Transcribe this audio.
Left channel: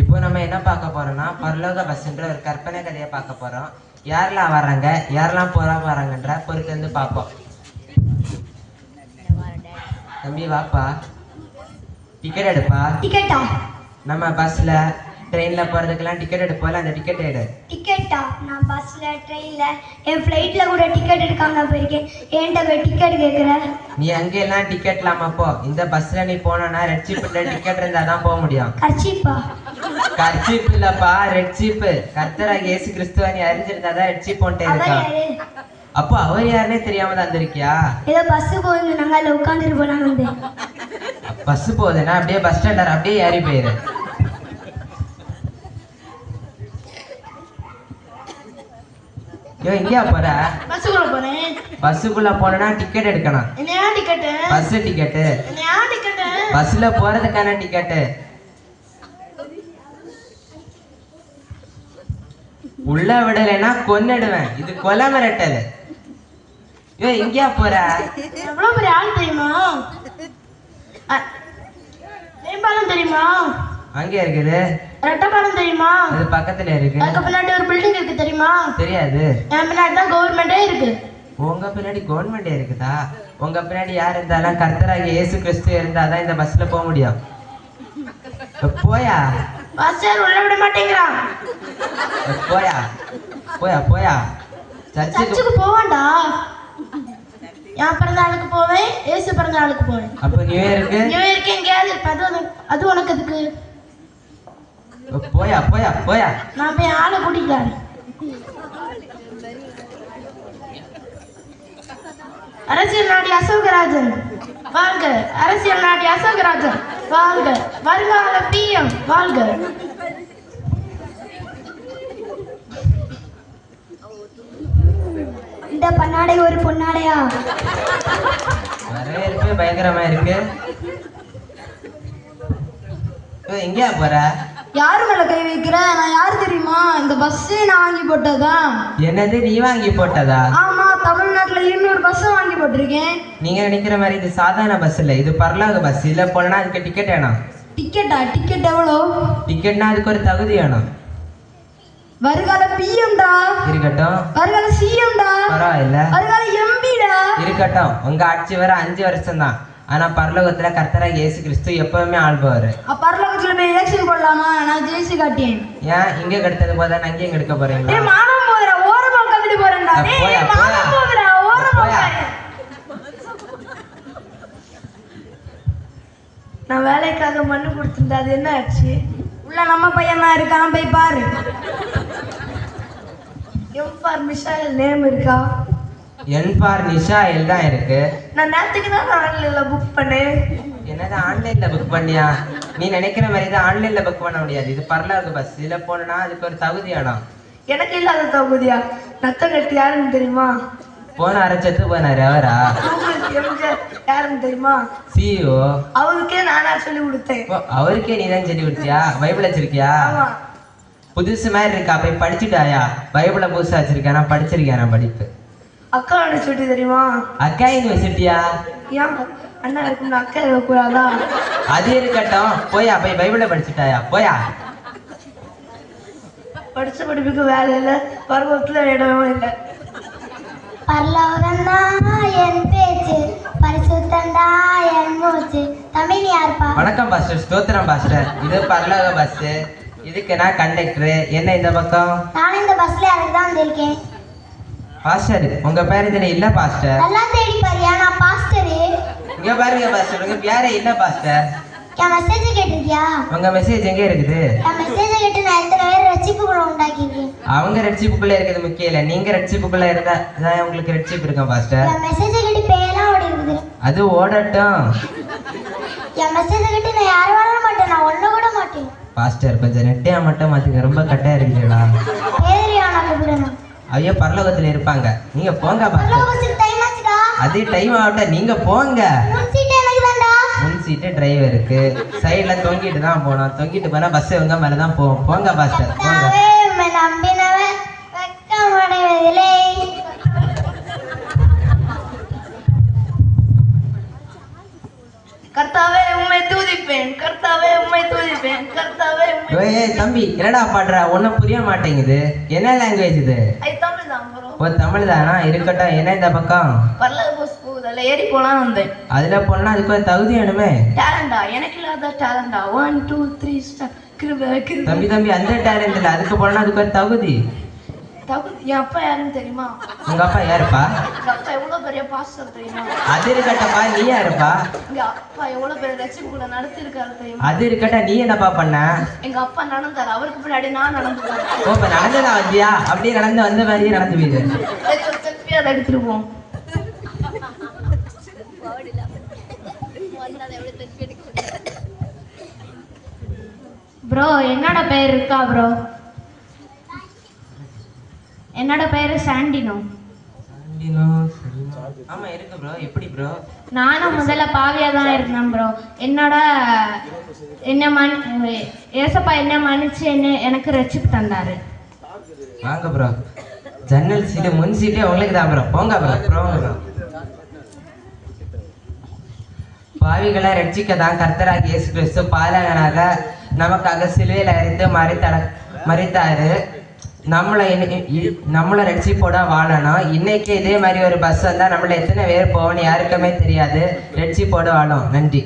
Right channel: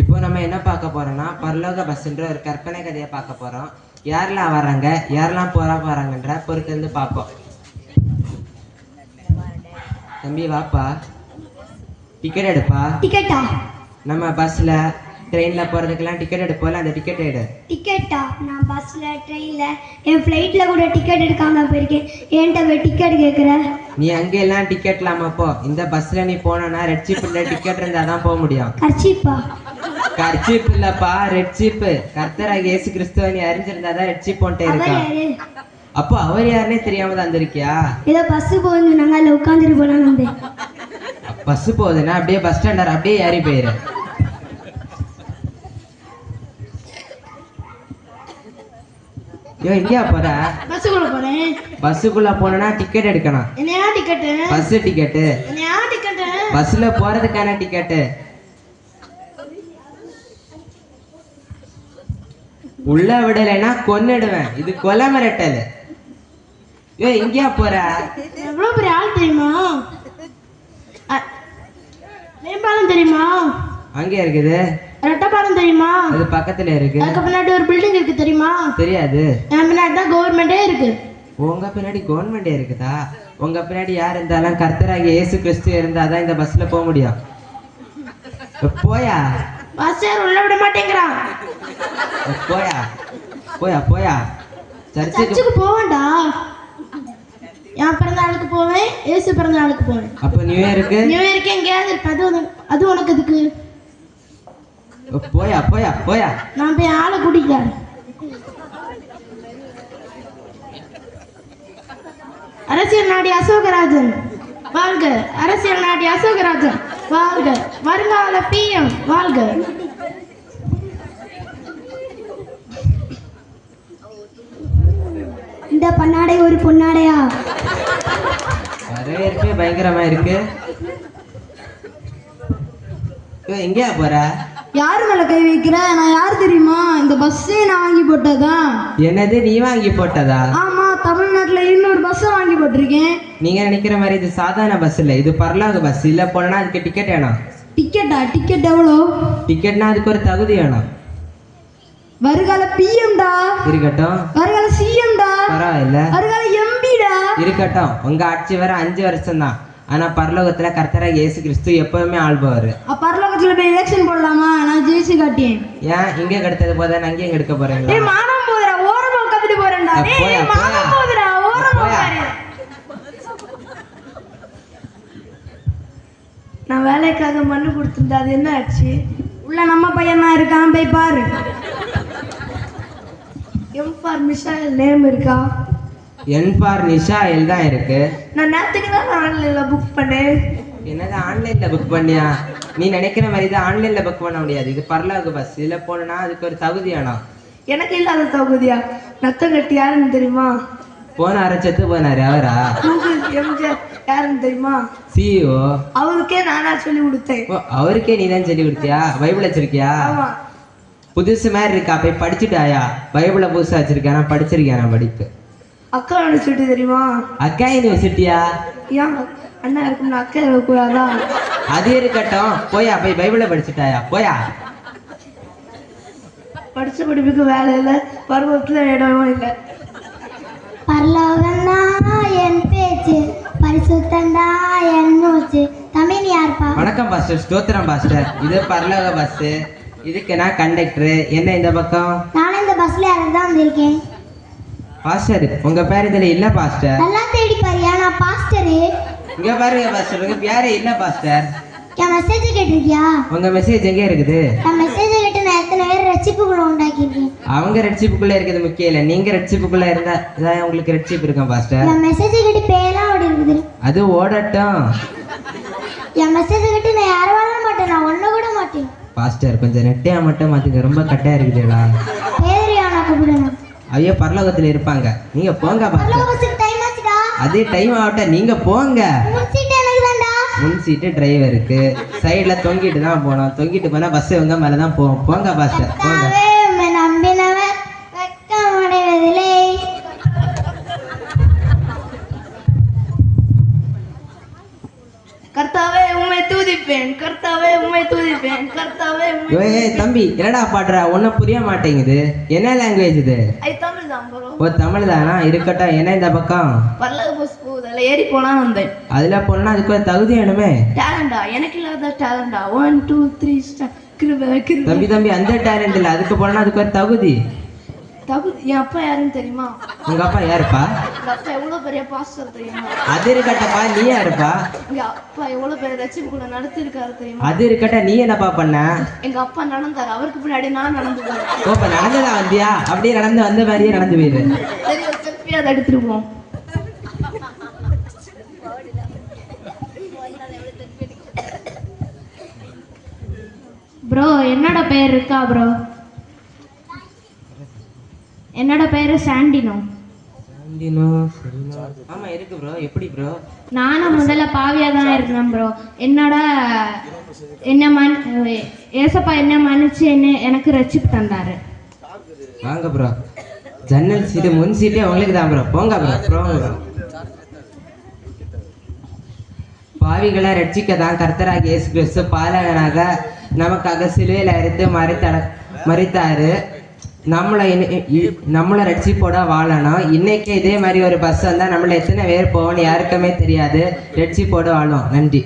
இப்போ நம்ம என்ன பார்க்க போறோம்னா பரலோக பஸ்ன்ற ஒரு கற்பனை கதையை பார்க்க போறோம். யாரெல்லாம் வராங்க, யாரெல்லாம் போறாங்கன்ற பொறுத்திருந்து பார்ப்போம். தம்பி வாப்பா, டிக்கெட் எடுப்பா. டிக்கெட்டா? நம்ம பஸ்ல ட்ரெயின்ல போறதுக்கெல்லாம் டிக்கெட் எடுப்போம்ல, அந்த டிக்கெட் எடு. டிக்கெட்டா? நான் பஸ்ல ட்ரெயின்ல என் ஃப்ளைட்ல கூட டிக்கெட் எடுக்காம போயிருக்கேன். ஏன்ட்ட டிக்கெட் கேட்குற? நீ அங்கெல்லாம் டிக்கெட் இல்லாம போ. இந்த பஸ்ல நீ போனோன்னா ரெட் சீப்ல டிக்கெட் இருந்தா தான் போக முடியும். கர்ச்சீப்பா? கர்ச்சீப் இல்லப்பா, ரெட் சீப். கர்த்தராகிய இயேசு கிறிஸ்துவை நீ அறிஞ்சிருந்தாதான் ரெட் சீப் போன்ட்டே இருக்கா. அப்போ அவர் யாருன்னே தெரியாம தந்திருக்கியா? ஏதோ பஸ் போகுது, நாங்க அதில் உட்காந்துட்டு போனாங்க. வந்து பஸ் போகுதுன்னா அப்படியே பஸ் ஸ்டாண்டர் அப்படியே ஏறி போயிரு. எங்கேயா போற? பஸ்ஸுக்குள்ள போறேன். பஸ்ஸுக்குள்ள போனா டிக்கெட் எடுக்கணும். என்னையா டிக்கெட்? Bus ticket. என்னையா டிக்கெட்? பஸ்ல போறதுக்கான டிக்கெட். உள்ள விடலைன்னா கொன்னுடுவேன். இது கொலை மிரட்டல். எங்கேயா போற? எவ்வளவு பெரிய ஆள் தெரியுமா? மேம்பாலம் தெரியுமா? அங்கே இருக்குது. ரெட்டப்பாலம் தெரியுமா? அது பக்கத்துல இருக்கு. அதுக்கு பின்னாடி ஒரு பில்டிங் இருக்கு தெரியுமா? தெரியாது. என் பின்னாடி தான் கவர்மெண்டே இருக்கு. உங்க பின்னாடி கவர்மெண்டே இருக்குதா? உங்க பின்னாடி யார் இருந்தாலும் கர்த்தராகிய இயேசு கிறிஸ்து இருந்தாதான் இந்த பஸ்ல போக முடியும். போயா? பஸ் உள்ள விட மாட்டேங்கிறான். போயா போயா போயா. சர்ச்சுக்கு போவேன்டா. என் பிறந்த நாளுக்கு போவேன், இயேசு பிறந்த நாளுக்கு போவேன். அப்ப நியூ இயருக்கு எங்கேயாவது இருப்பேன். அது உனக்கு இதுக்கு. போயா போயா போயா. நான் போய் ஆளை கூட்டிக்கிறேன். அரசியல் நாடி அசோகராஜன் வாழ்க. அரசியல் நாடி அசோகராஜன் வாழ்க. வருங்கால பிஎம் வாழ்க. இந்த பண்ணாடை ஒரு பொன்னாடையா? வரவேற்பே பயங்கரமா இருக்கு. எங்கேயா போற? யாரு மேல கை வைக்கிற? நான் யார் தெரியுமா? இந்த பஸ்ஸே நான் வாங்கி போட்டதான். என்னது, நீ வாங்கி போட்டதா? ஆமா, தமிழ்நாட்டுல 200 பஸ் வாங்கி போட்டிருக்கேன். நீங்க நினைக்கிற மாதிரி இது சாதாரண பஸ் இல்ல, இது பரலோக பஸ். இல்ல போனா அதுக்கு டிக்கெட் வேணும். டிக்கெட்டா? டிக்கெட் எவ்வளோ? டிக்கெட்னா அதுக்கு ஒரு தகுதி வேணும். வருகால பிஎம் டா. இருக்கட்டும். வருகால சிஎம் டா. பரவாயில்ல. வருகால எம்பி டா. இருக்கட்டும். உங்க ஆட்சி வர 5 வருஷம் தான். ஆனா பரலோகத்துல கர்த்தராகிய இயேசு கிறிஸ்து எப்பவுமே ஆள்பவாரு. பரலோகத்துல போய் எலெக்ஷன் போடலாமா? நான் ஜெயிச்சு காட்டேன். ஏன் இங்க கெடுத்தது போதா அங்கேயும் கெடுக்க போறீங்களா? டேய் மானம் போதுடா, ஓரமா உட்கார்ந்துட்டு போறேன்டா. டேய் மானம் போதுடா, ஓரமா உட்காரு. நான் வேலைக்காக மண்ணு கொடுத்துட்டேன். அது என்ன ஆச்சு? உள்ள நம்ம பையன் தான் இருக்கான், போய் பாரு. எம் ஃபார் மிஷால் நேம் இருக்கா? என் ஃபார் நிஷால் தான் இருக்கு. நான் நேத்துக்கு தான் ஆன்லைன்ல புக் பண்ணேன். என்னது ஆன்லைன்ல புக் பண்ணியா? நீ நினைக்கிற மாதிரி இது ஆன்லைன்ல புக் பண்ண முடியாது. இது பரலோக பஸ். இதுல போனா அதுக்கு ஒரு தகுதி வேணும். எனக்கு இல்லாத தகுதியா? நத்த கட்டி யாருன்னு தெரியுமா? போன அரைச்சத்து போனாரு அவரா? எம்ஜிஆர் யாருன்னு தெரியுமா? சிஇஓ. அவருக்கே நானா சொல்லி கொடுத்தேன். அவருக்கே நீ தான் சொல்லி கொடுத்தியா? பைபிள் வச்சிருக்கியா? ஆமா. புதுசு மாதிரி இருக்கா? போய் படிச்சுட்டாயா? பைபிள புதுசா வச்சிருக்கா? நான் படிச்சிருக்கேன். படிப்பு. அக்கா யூனிவர்சிட்டி தெரியுமா? அக்கா யூனிவர்சிட்டியா? ஏன் அண்ணா இருக்குன்னு அக்கா இருக்கக்கூடாதா? அது இருக்கட்டும். போயா போய் பைபிள படிச்சுட்டாயா? போயா. படிச்ச படிப்புக்கு வேலை இல்லை, பருவத்துல இடமும் இல்லை. பரலோகம்னா என் பேச்சு, பரிசுத்தண்டா என் மூச்சு. தமிழ் யார்ப்பா? வணக்கம் பாஸ்டர். ஸ்தோத்திரம் பாஸ்டர். இது பரலோக பஸ். இதுக்கு நான் கண்டக்டர். என்ன இந்த பக்கம்? நான் இந்த பஸ்ல எனக்கு தான் வந்திருக்கேன். பாஸ்டர் உங்க பேர் இதுல இல்ல பாஸ்டர். நல்லா தேடி பாரியா, நான் பாஸ்டரு. இங்க பாருங்க பாஸ்டர், உங்க பேரே இல்ல பாஸ்டர். என் மெசேஜ் கேட்டிருக்கியா? உங்க மெசேஜ் எங்க இருக்குது? என் மெசேஜ் கேட்டு நான் எத்தனை பேர் ரட்சிப்புக்குள்ள உண்டாக்கிருக்கேன். அவங்க ரெட்சிப்புக்குள்ள இருக்கிறது முக்கியம் இல்ல, நீங்க ரெட்சிப்புக்குள்ள இருந்தா நான் உங்களுக்கு ரெட்சிப்பு இருக்கேன் பாஸ்டர். என் மெசேஜ் கேட்டு பேயெல்லாம் ஓடி இருக்குது. அது ஓடட்டும். என் மெசேஜ் கேட்டு நான் யாரும் வாழ மாட்டேன், நான் ஒண்ணு கூட மாட்டேன். பாஸ்டர் கொஞ்சம் நெட்டையா மட்டும் மாத்துங்க, ரொம்ப கட்டையா இருக்குதுடா. பேரியானா கூப்பிடணும். ஐயோ பரலோகத்துல இருப்பாங்க. நீங்க போங்க பாஸ்டர். பரலோகத்துக்கு டைம் ஆச்சுடா. அதே டைம் ஆகட்டும், நீங்க போங்க. முன் சீட் எனக்கு தான்டா. முன் சீட்டு டிரைவருக்கு. சைடுல தொங்கிட்டு தான் போகணும். தொங்கிட்டு போனா பஸ் இவங்க மேலதான் போகும். போங்க பாஸ்டர் போங்க. உம்மை நம்பினவன் வெட்கமடைவதில்லை. கர்த்தாவே உம்மை துதிப்பேன், கர்த்தாவே உம்மை துதிப்பேன், கர்த்தாவே ஃபுல்லாவே ஏய் தம்பி என்னடா பாடுற ஒன்னும் புரிய மாட்டேங்குது. என்ன லாங்குவேஜ் இது? தமிழ் தான் ப்ரோ. ஓ தமிழ் தானா? இருக்கட்டும். என்ன இந்த பக்கம்? பரலோக பஸ் போகுது, அதுல ஏறி போலாம் வந்தேன். அதுல போனா அதுக்கு ஒரு தகுதி வேணுமே. டேலண்டா? எனக்கு இல்லாத டேலண்டா? 1 2 3 ஸ்டார். தம்பி அந்த டேலண்ட் இல்ல, அதுக்கு போனா அதுக்கு ஒரு தகுதி. தகுதி? என் அப்பா யாருன்னு தெரியுமா? உங்க அப்பா யாருப்பா? எங்க அப்பா எவ்வளவு பெரிய பாஸ்டர் தெரியுமா? அது இருக்கட்டப்பா, நீ யாருப்பா? எங்க அப்பா எவ்வளவு பெரிய ரட்சிப்பு கூட நடத்தி இருக்காரு தெரியுமா? அது இருக்கட்ட, நீ என்னப்பா பண்ண? எங்க அப்பா நடந்தாரு, அவருக்கு பின்னாடி நான் நடந்துட்டேன். ஓ இப்ப நடந்ததா வந்தியா? அப்படியே நடந்து வந்த மாதிரியே நடந்து போயிடு. சரி ஒரு செல்ஃபி அதை எடுத்துருவோம். ப்ரோ என்னோட பேர் இருக்கா ப்ரோ? என்னோட பேரு சாண்டினோ. ஆமா இருக்கு ப்ரோ. எப்படி ப்ரோ? நானும் முதல்ல பாவியா தான் இருந்தேன் ப்ரோ. ஏசப்பா என்ன மன்னிச்சு எனக்கு ரட்சிப்பு தந்தாரு. வாங்க ப்ரோ. ஜன்னல் சீட்டு முன் சீட்டே உங்களுக்கு தான் ப்ரோ. போங்க ப்ரோ. பாவிகளை ரட்சிக்க தான் கர்த்தராகிய இயேசு கிறிஸ்து பாலகனாக நமக்காக சிலுவையில் அறைந்து மரித்தாரு. நம்மளை ரட்சிப்போட வாழணும். இன்னைக்கு இதே மாதிரி ஒரு பஸ் வந்தால் நம்மள எத்தனை பேர் போகணும் யாருக்குமே தெரியாது. ரட்சிப்போட வாழும். நன்றி.